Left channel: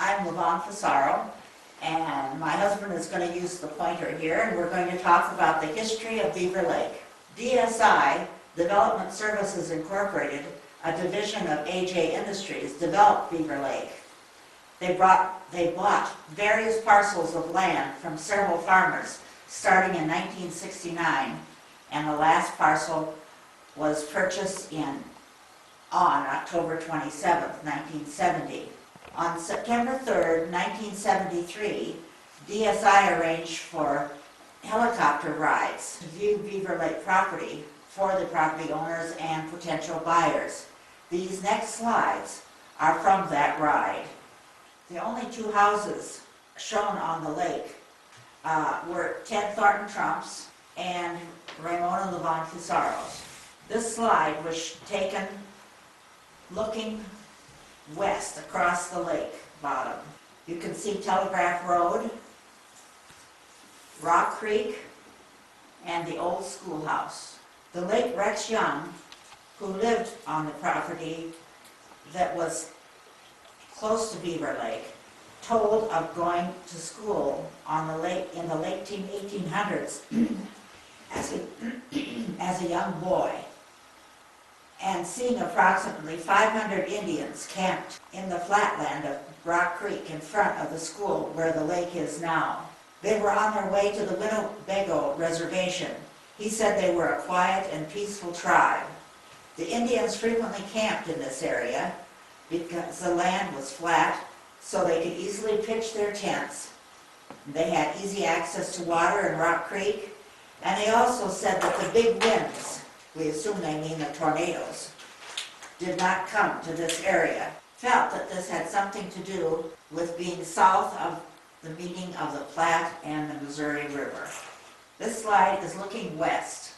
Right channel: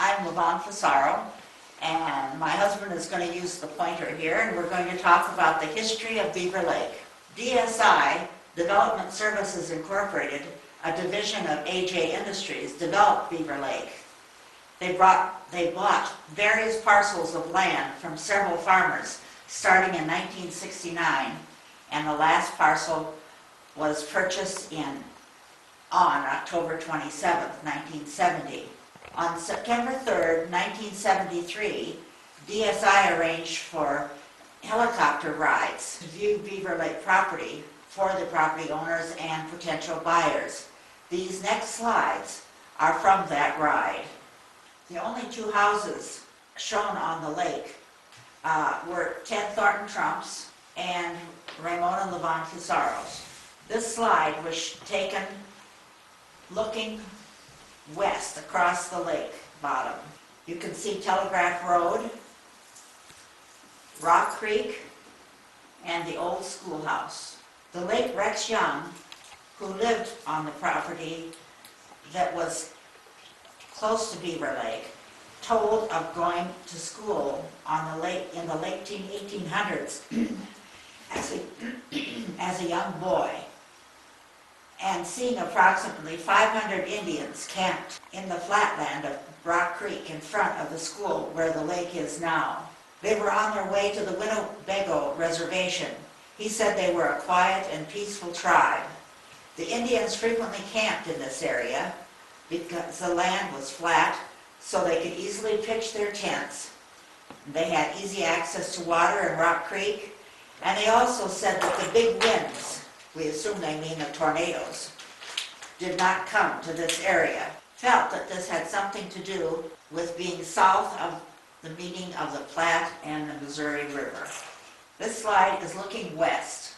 I'm Levon Fasaro, and my husband is going to use the pointer here, and we're going to talk about the history of Beaver Lake. DSI, Development Services Incorporated, a division of AJ Industries, developed Beaver Lake. They bought various parcels of land from several farmers starting in 1969, and the last parcel was purchased on October 27, 1970. On September 3, 1973, DSI arranged for helicopter rides to view Beaver Lake property for the property owners and potential buyers. These next slides are from that ride. The only two houses shown on the lake were Ted Thornton Trump's and Ramona Levon Fasaro's. This slide was taken looking west across the lake bottom. You can see Telegraph Road, Rock Creek, and the old schoolhouse. The late Rex Young, who lived on the property that was close to Beaver Lake, told of going to school on the lake in the late 1800s as a young boy, and seeing approximately 500 Indians camped in the flatland of Rock Creek in front of the school where the lake is now. They were on their way to the Winnebago Reservation. He said they were a quiet and peaceful tribe. The Indians frequently camped in this area because the land was flat, so they could easily pitch their tents. They had easy access to water in Rock Creek, and they also said that the big winds, we assume they mean the tornadoes, did not come to this area. Felt that this had something to do with being south of the meeting of the Platte and the Missouri River. This slide is looking west.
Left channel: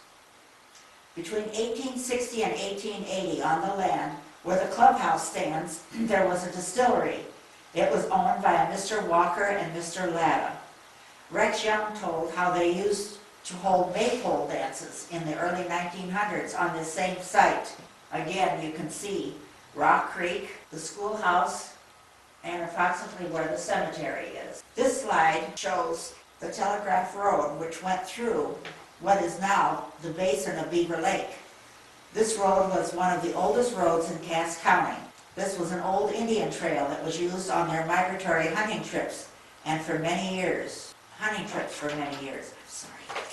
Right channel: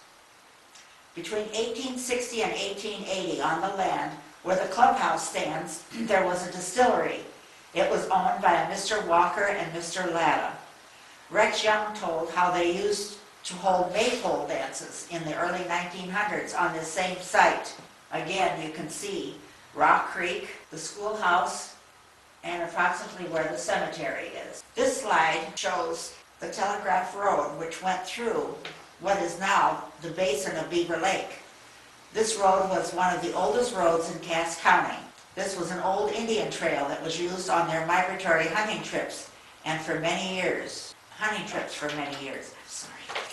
Between 1860 and 1880, on the land where the clubhouse stands, there was a distillery. It was owned by a Mr. Walker and Mr. Latta. Rex Young told how they used to hold maypole dances in the early 1900s on this same site. Again, you can see Rock Creek, the schoolhouse, and approximately where the cemetery is. This slide shows the Telegraph Road, which went through what is now the basin of Beaver Lake. This road was one of the oldest roads in Cass County. This was an old Indian trail that was used on their migratory hunting trips, and for many years.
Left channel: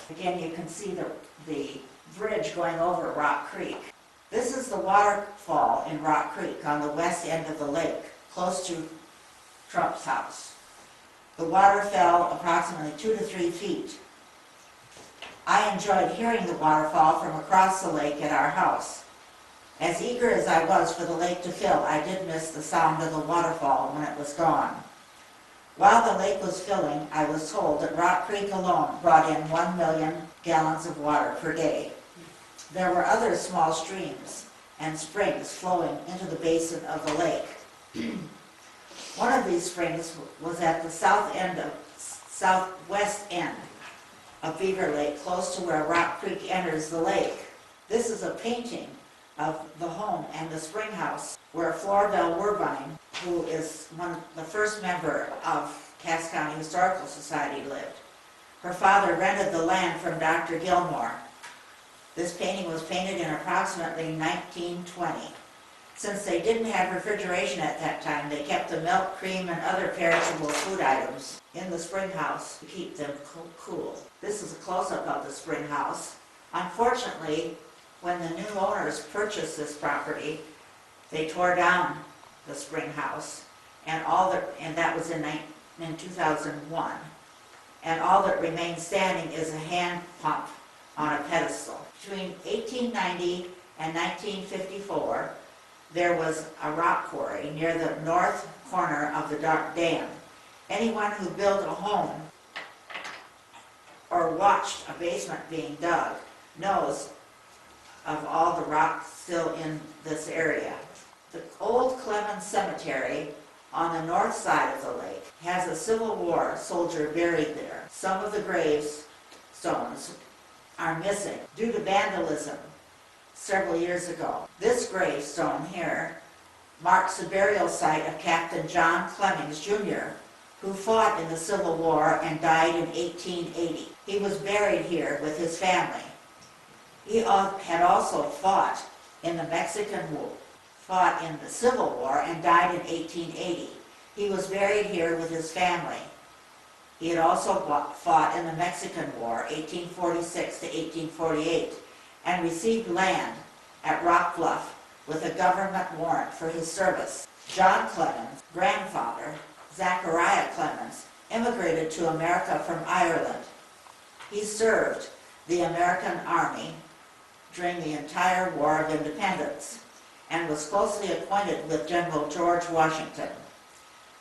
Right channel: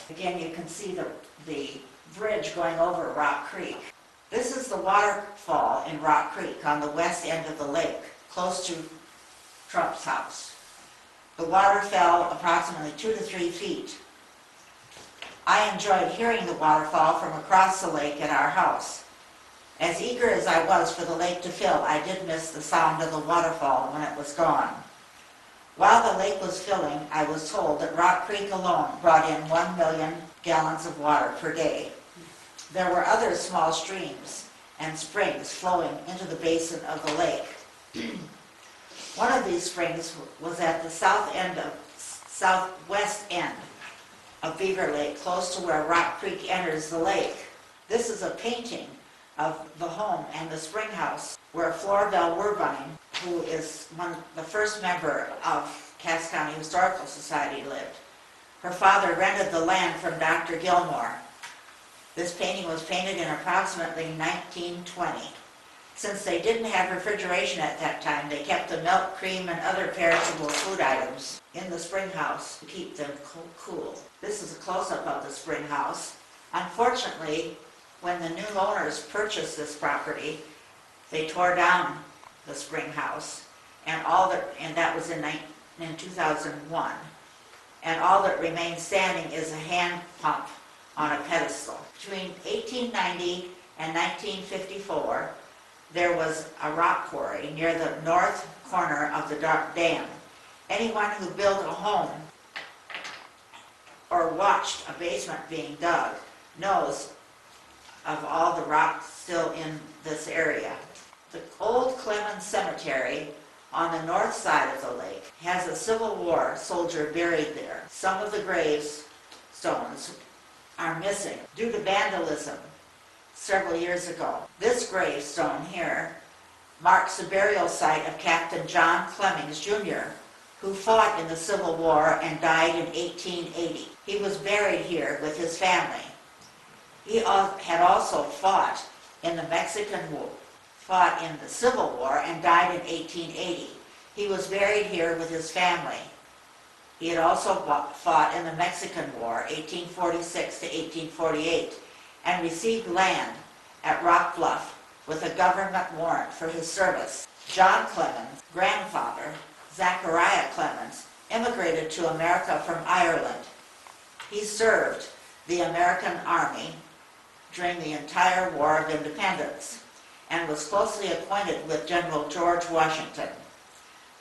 Again, you can see the bridge going over Rock Creek. This is the waterfall in Rock Creek on the west end of the lake, close to Trump's house. The water fell approximately 2 to 3 feet. I enjoyed hearing the waterfall from across the lake at our house. As eager as I was for the lake to fill, I did miss the sound of the waterfall when it was gone. While the lake was filling, I was told that Rock Creek alone brought in 1 million gallons of water per day. There were other small streams and springs flowing into the basin of the lake. One of these springs was at the southwest end of Beaver Lake, close to where Rock Creek enters the lake. This is a painting of the home and the spring house where Flora Bell Werbine, who is the first member of Cass County Historical Society, lived. Her father rented the land from Dr. Gilmore. This painting was painted in approximately 1920. Since they didn't have refrigeration at that time, they kept the milk, cream, and other perishable food items in the spring house to keep them cool. This is a close-up of the spring house. Unfortunately, when the new owners purchased this property, they tore down the spring house, and that was in 2001. And all that remains standing is a hand pump on a pedestal. Between 1890 and 1954, there was a rock quarry near the north corner of the dam. Anyone who built a home or watched a basement being dug knows of all the rock still in this area. The old Clemens Cemetery on the north side of the lake has a Civil War soldier buried there. Some of the gravestones are missing due to vandalism several years ago. This gravestone here marks the burial site of Captain John Clemens Jr., who fought in the Civil War and died in 1880. He was buried here with his family. He had also fought in the Civil War and died in 1880. He was buried here with his family. He had also fought in the Mexican War, 1846 to 1848, and received land at Rock Bluff with a government warrant for his service. John Clemens' grandfather, Zachariah Clemens, immigrated to America from Ireland. He served the American Army during the entire War of Independence and was closely acquainted with General George Washington.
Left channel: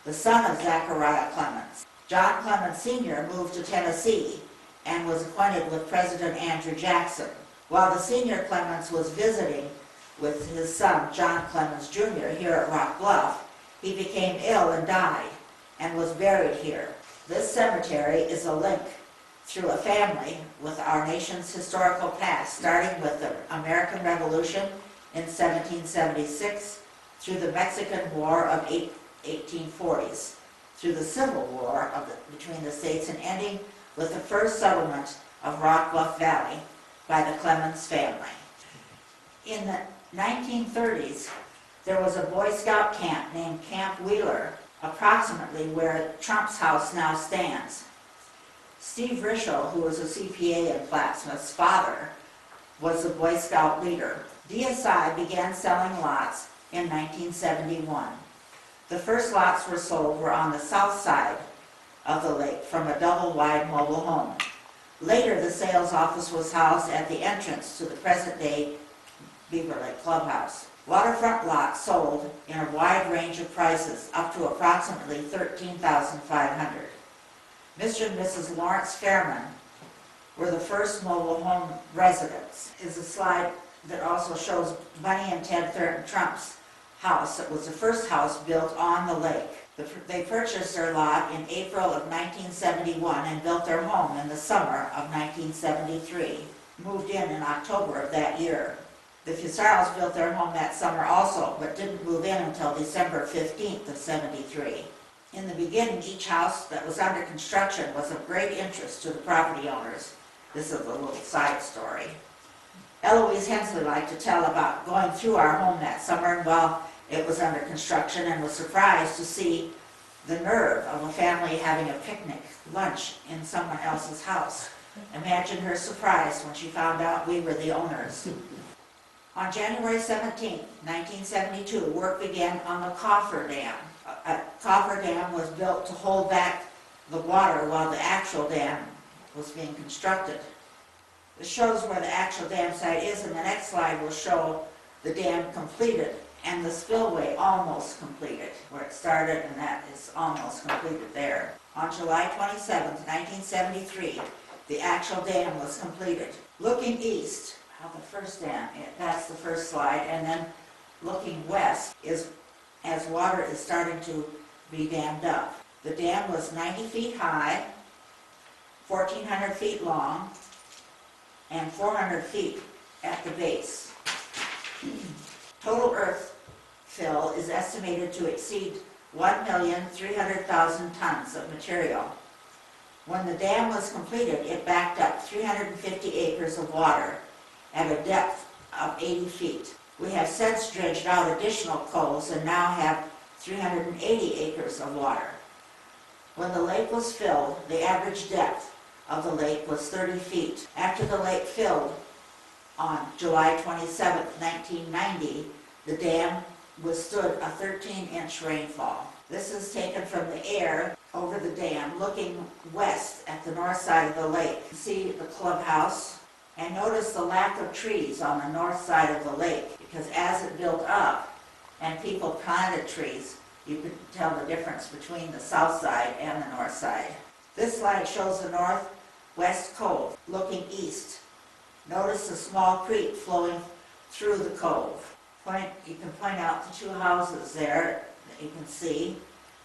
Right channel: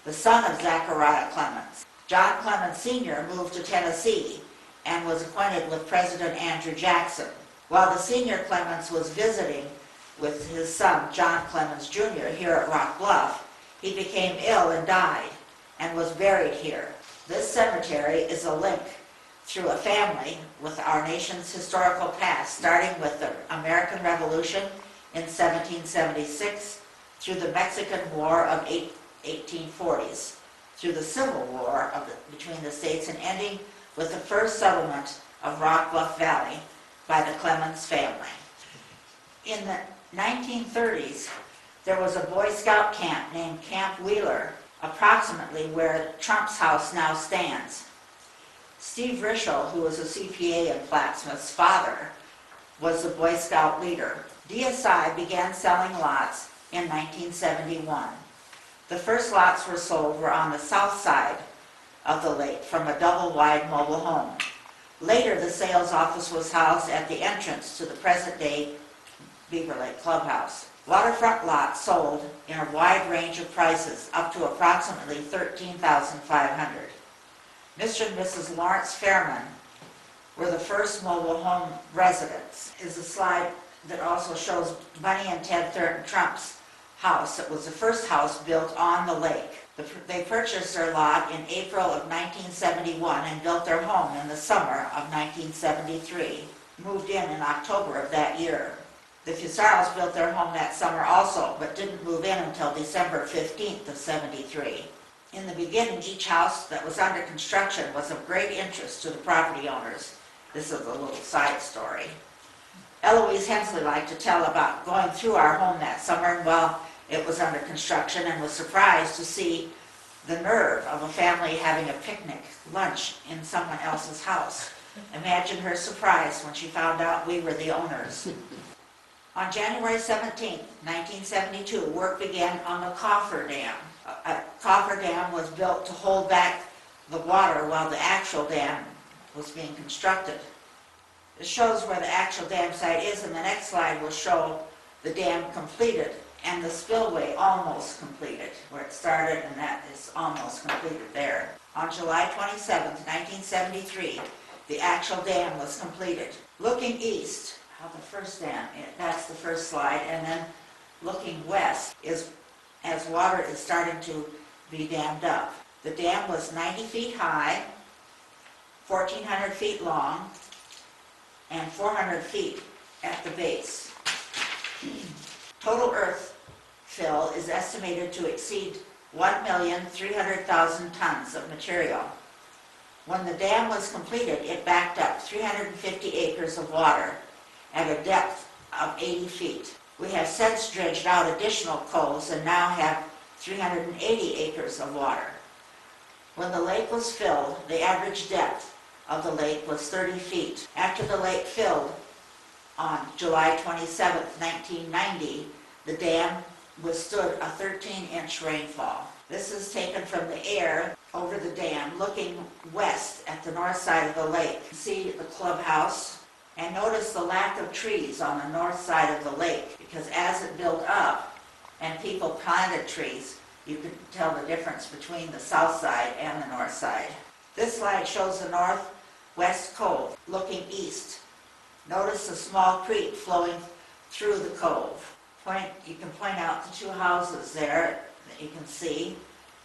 The son of Zachariah Clemens, John Clemens Sr. moved to Tennessee and was acquainted with President Andrew Jackson. While the senior Clemens was visiting with his son, John Clemens Jr., here at Rock Bluff, he became ill and died and was buried here. This cemetery is a link through a family with our nation's historical past, starting with the American Revolution in 1776, through the Mexican War of 1840s, through the Civil War between the states, and ending with the first settlement of Rock Bluff Valley by the Clemens family. In the 1930s, there was a Boy Scout camp named Camp Wheeler, approximately where Trump's house now stands. Steve Rischel, who was a CPA in Plattsmouth's father, was the Boy Scout leader. DSI began selling lots in 1971. The first lots were on the south side of the lake from a double-wide mobile home. Later, the sales office was housed at the entrance to the present-day Beaver Lake Clubhouse. Waterfront lots sold in a wide range of prices, up to approximately $13,500. Mr. and Mrs. Lawrence Fairman were the first mobile home residents. Is a slide that also shows Bunny and Ted Thurton Trump's house. It was the first house built on the lake. They purchased their lot in April of 1971 and built their home in the summer of 1973. Moved in October of that year. The Fusaros built their home that summer also, but didn't move in until December 15th of 73. In the beginning, each house that was under construction was of great interest to the property owners. This is a little side story. Eloise Hensley liked to tell about going through our home that summer while it was under construction, and was surprised to see the nerve of a family having a picnic lunch in someone else's house. Imagine her surprise when she found out we were the owners. On January 17, 1972, work began on the Coffer Dam. A coffer dam was built to hold back the water while the actual dam was being constructed. This shows where the actual dam site is, and the next slide will show the dam completed and the spillway almost completed, where it started, and that is almost completed there. On July 27, 1973, the actual dam was completed. Looking east, the first dam, that's the first slide, and then looking west is as water is starting to be dammed up. The dam was 90 feet high, 1,400 feet long, and 400 feet at the base. Total earth fill is estimated to exceed 1,300,000 tons of material. When the dam was completed, it backed up 350 acres of water at a depth of 80 feet. We have since dredged out additional coves and now have 380 acres of water. When the lake was filled, the average depth of the lake was 30 feet. After the lake filled on July 27, 1990, the dam withstood a 13-inch rainfall. This is taken from the air over the dam, looking west at the north side of the lake. See the clubhouse, and notice the lack of trees on the north side of the lake, because as it built up and people planted trees, you could tell the difference between the south side and the north side. This slide shows the northwest cove looking east. Notice the small creek flowing through the cove. You can point out the two houses there that you can see,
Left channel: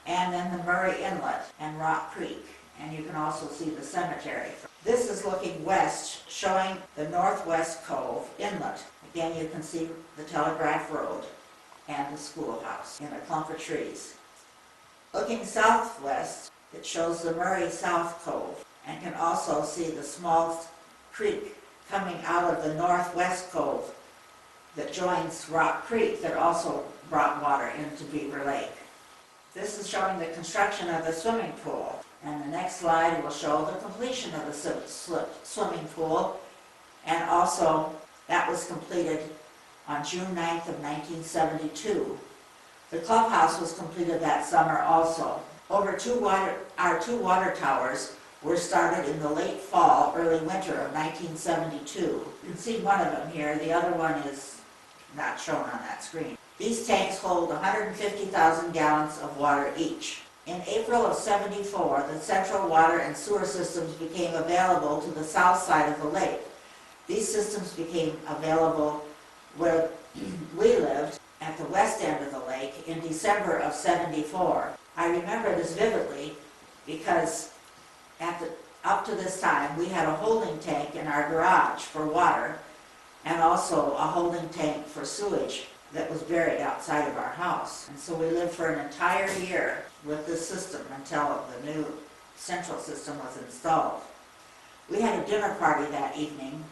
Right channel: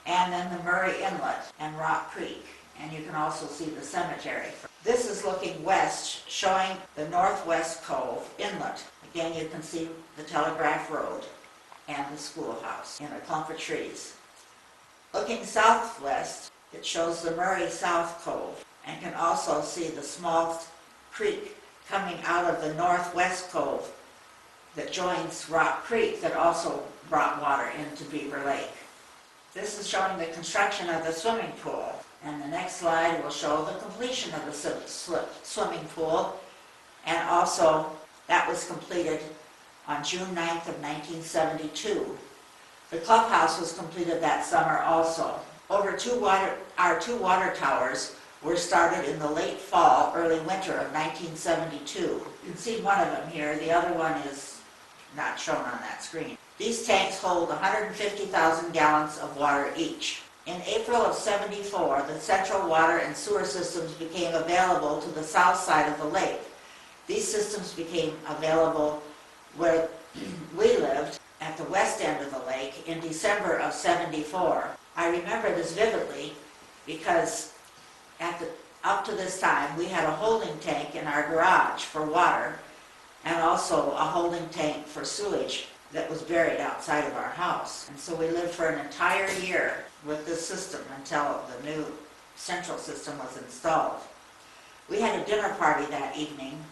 and then the Murray Inlet and Rock Creek, and you can also see the cemetery. This is looking west, showing the northwest cove inlet. Again, you can see the Telegraph Road and the schoolhouse in a clump of trees. Looking southwest, it shows the Murray South Cove and can also see the small creek coming out of the northwest cove that joins Rock Creek that also brought water into Beaver Lake. This is showing the construction of the swimming pool, and the next slide will show the completion of the swimming pool, and also that was completed on June 9th of 1972. The clubhouse was completed that summer also. Our two water towers were started in the late fall, early winter of 1972. You can see one of them here, the other one is not shown on that screen. These tanks hold 150,000 gallons of water each. In April of '74, the central water and sewer systems became available to the south side of the lake. These systems became available where we lived at the west end of the lake in December of '74. I remember this vividly because up to this time we had a holding tank in our garage for water and also a holding tank for sewage that was buried outside of our house. And so we lived for an entire year with this system until the new central system was installed. We had a dinner party that evening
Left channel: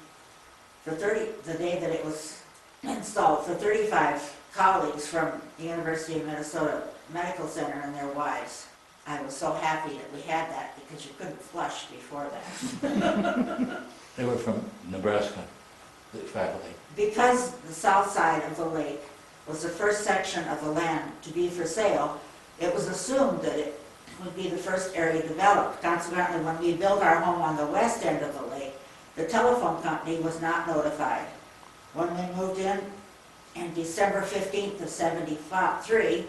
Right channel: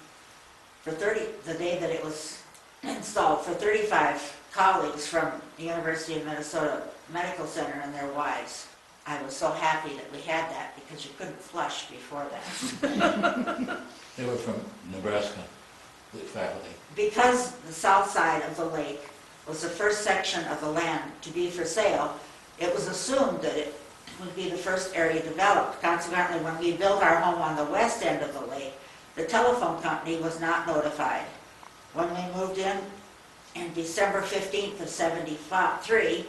for the day that it was installed, for 35 colleagues from the University of Minnesota Medical Center and their wives. I was so happy that we had that because you couldn't flush before that. They were from Nebraska, the faculty. Because the south side of the lake was the first section of the land to be for sale, it was assumed that it would be the first area developed. Consequently, when we built our home on the west end of the lake, the telephone company was not notified. When we moved in December 15th of '73,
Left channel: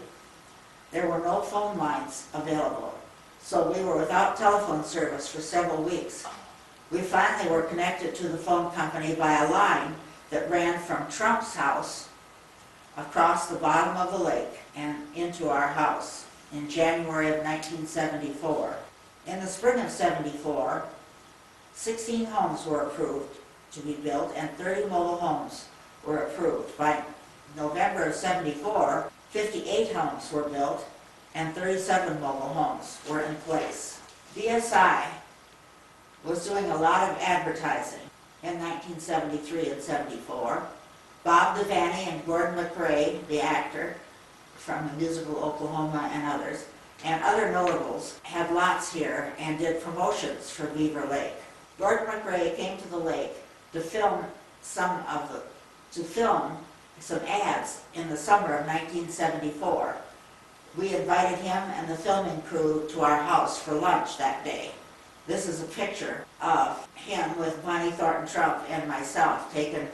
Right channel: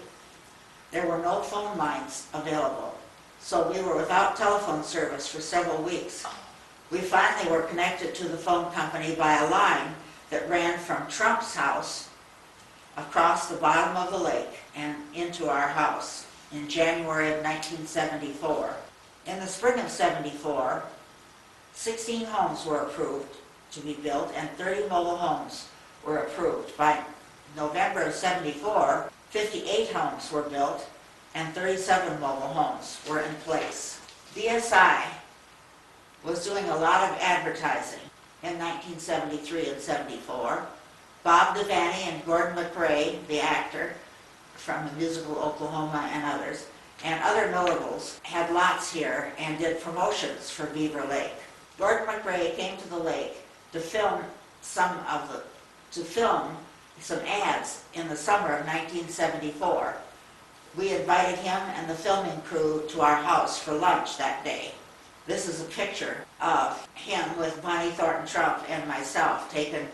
there were no phone lines available. So we were without telephone service for several weeks. We finally were connected to the phone company by a line that ran from Trump's house across the bottom of the lake and into our house in January of 1974. In the spring of '74, 16 homes were approved to be built and 30 mobile homes were approved. By November of '74, 58 homes were built and 37 mobile homes were in place. BSI was doing a lot of advertising in 1973 and '74. Bob Devaney and Gordon McRae, the actor from the musical Oklahoma and others, and other notables had lots here and did promotions for Beaver Lake. Gordon McRae came to the lake to film some ads in the summer of 1974. We invited him and the filming crew to our house for lunch that day. This is a picture of him with Bonnie Thornton Trump and myself taken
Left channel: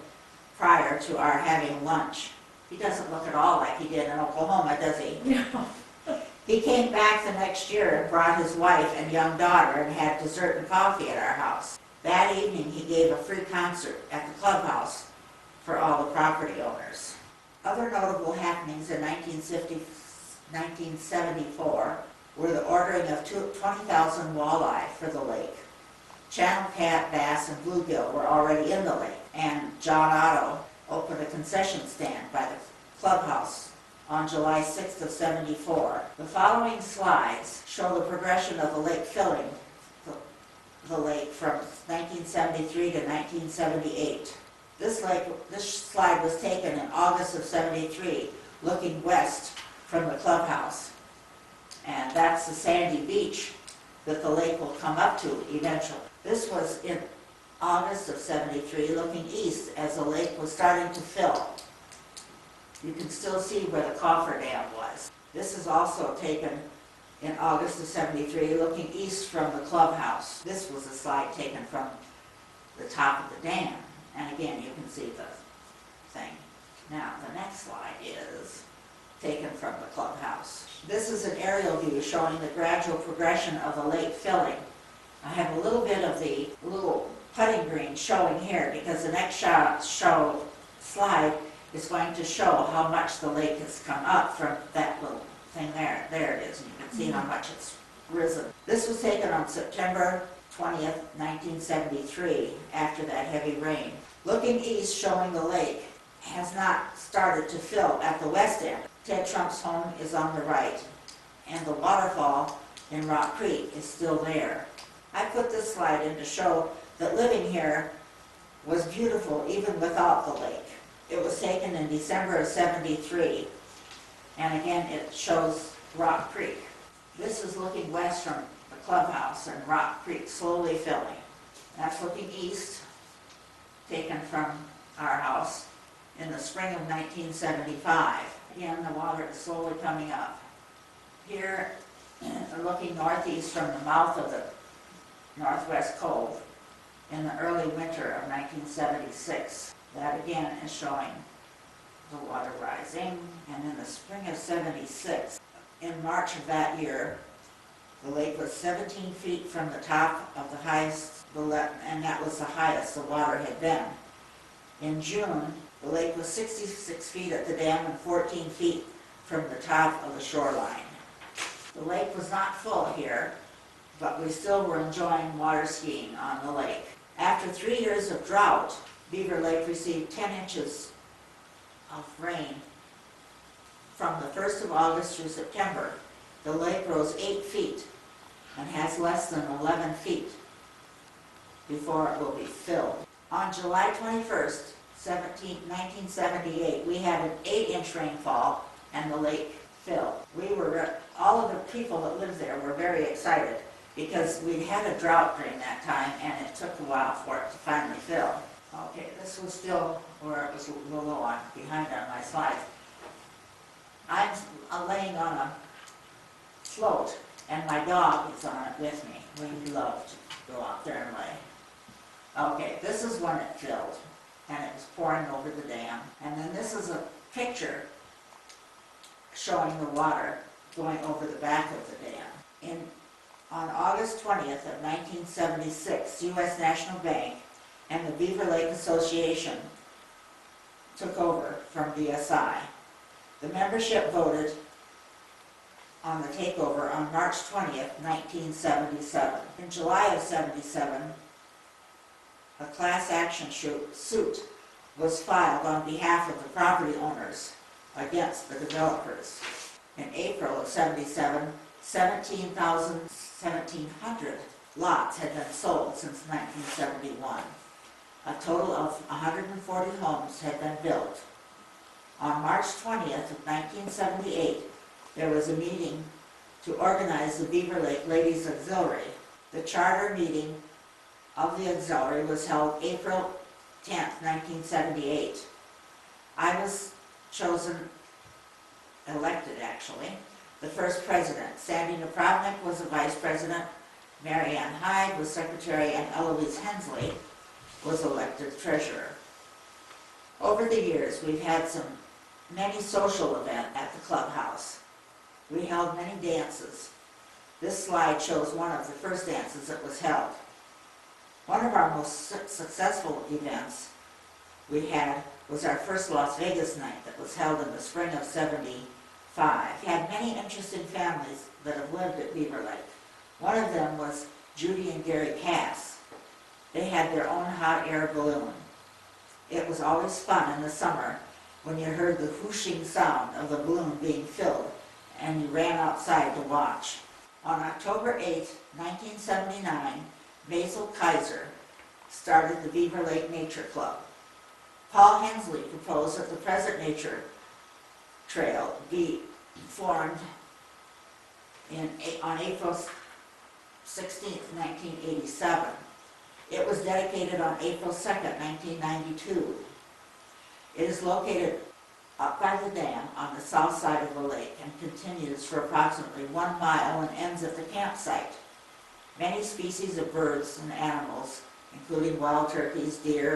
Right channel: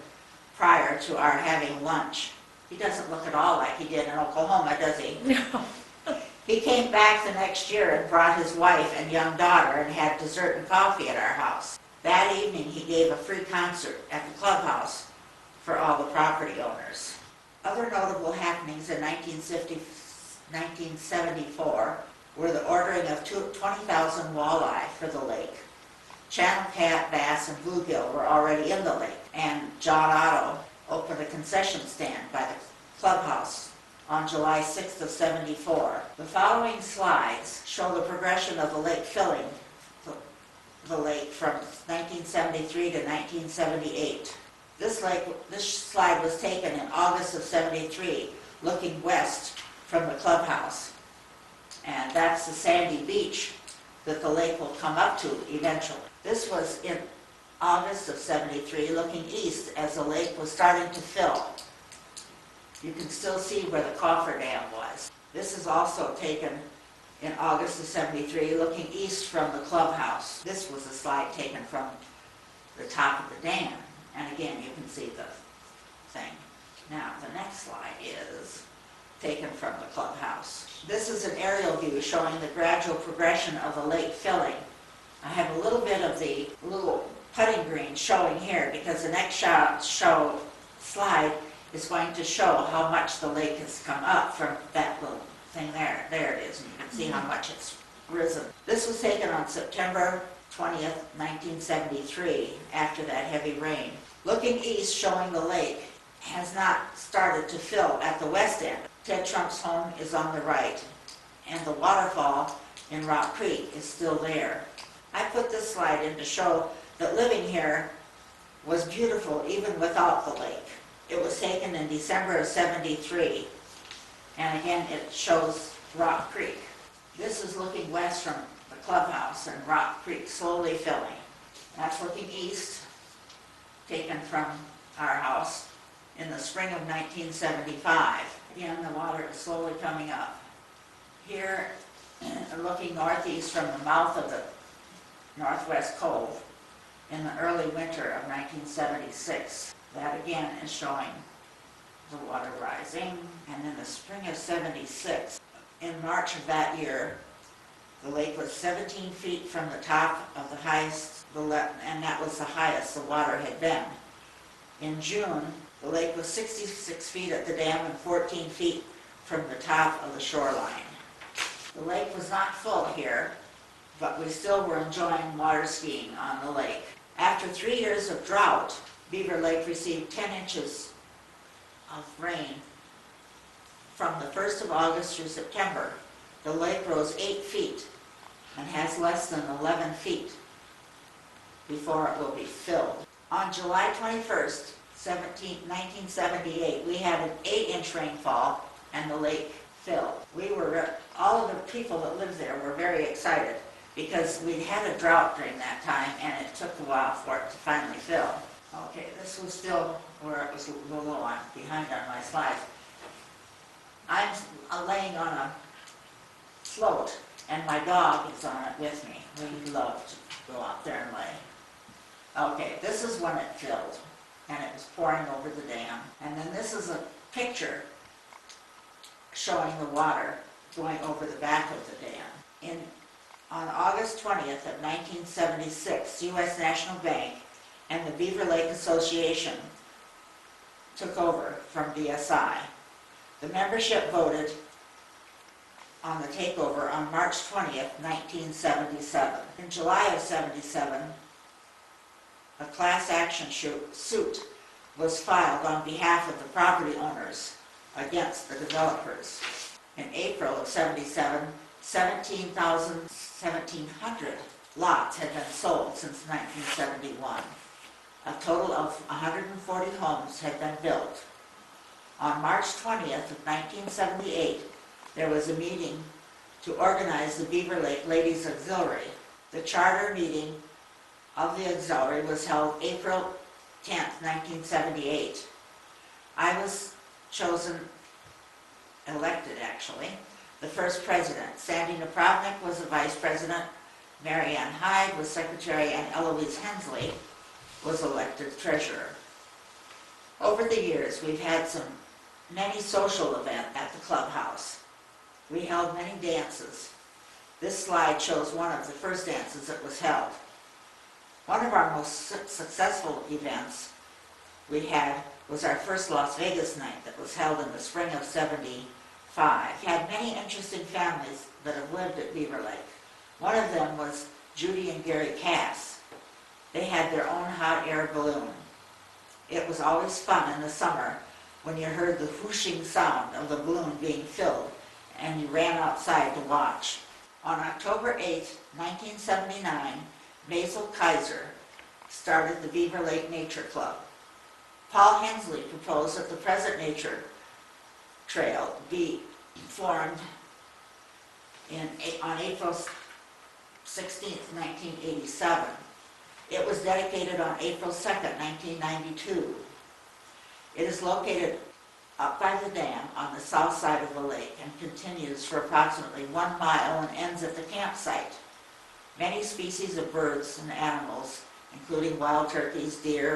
prior to our having lunch. He doesn't look at all like he did in Oklahoma, does he? No. He came back the next year and brought his wife and young daughter and had dessert and coffee at our house. That evening he gave a free concert at the clubhouse for all the property owners. Other notable happenings in 1974 were the ordering of 20,000 walleye for the lake. Channel cat, bass, and bluegill were already in the lake, and John Otto opened a concession stand by the clubhouse on July 6th of '74. The following slides show the progression of the lake filling the lake from 1973 to 1978. This slide was taken in August of '73, looking west from the clubhouse. And that's the sandy beach that the lake will come up to eventually. This was in August of '73, looking east as the lake was starting to fill. You can still see where the coffer dam was. This is also taken in August of '73, looking east from the clubhouse. This was a slide taken from the top of the dam. And again, you can see the thing. Now, the next slide is taken from the clubhouse. This is an aerial view showing the gradual progression of the lake filling. I have a little bit of the little putting green showing here because the next slide is going to show how much the lake has come up from that little thing there. There it is, and you can see how much it's risen. This was taken on September 20th, 1973, after that heavy rain. Looking east, showing the lake has not started to fill at the west end. Ted Trump's home is on the right, and the waterfall in Rock Creek is still there. I put this slide in to show that living here was beautiful even without the lake. It was taken in December of '73, and again it shows Rock Creek. This is looking west from the clubhouse and Rock Creek slowly filling. That's looking east, taken from our house in the spring of 1975. Again, the water is slowly coming up. Here, looking northeast from the mouth of the Northwest Cove in the early winter of 1976. That again is showing the water rising. And in the spring of '76, in March of that year, the lake was 17 feet from the top of the highest, and that was the highest the water had been. In June, the lake was 66 feet at the dam and 14 feet from the top of the shoreline. The lake was not full here, but we still were enjoying water skiing on the lake. After 3 years of drought, Beaver Lake received 10 inches of rain from the 1st of August through September. The lake rose 8 feet and has less than 11 feet before it will be filled. On July 21st, 1978, we had an 8-inch rainfall and the lake filled. All of the people that lived there were very excited because we'd had a drought during that time and it took a while for it to finally fill. Okay, this was still where it was a little behind on my slides. I'm laying on a float and my dog is on it with me. We love to go out there and lay. Okay, this is when it filled and it was pouring over the dam. And then this is a picture showing the water going over the back of the dam. On August 20th of 1976, U.S. National Bank and the Beaver Lake Association took over from BSI. The membership voted on the takeover on March 20th, 1977. In July of '77, a class action suit was filed on behalf of the property owners against the developers. In April of '77, 1,700 lots had been sold since 1971. A total of 140 homes had been built. On March 20th of 1978, there was a meeting to organize the Beaver Lake Ladies Auxiliary. The charter meeting of the auxiliary was held April 10th, 1978. I was elected actually, the first president. Sandy Napravnik was the vice president, Mary Ann Hyde was secretary, and Eloise Hensley was elected treasurer. Over the years, we've had many social events at the clubhouse. We held many dances. This slide shows one of the first dances that was held. One of our most successful events we had was our first Las Vegas night that was held in the spring of '75. We had many interesting families that have lived at Beaver Lake. One of them was Judy and Gary Cass. They had their own hot air balloon. It was always fun in the summer when you heard the whooshing sound of the balloon being filled and you ran outside to watch. On October 8, 1979, Basil Kaiser started the Beaver Lake Nature Club. Paul Hensley proposed that the present nature trail be formed on April 16, 1987. It was dedicated on April 2, 1992. It is located up by the dam on the south side of the lake and continues for approximately 1 mile and ends at the campsite. Many species of birds and animals, including wild turkeys, deer,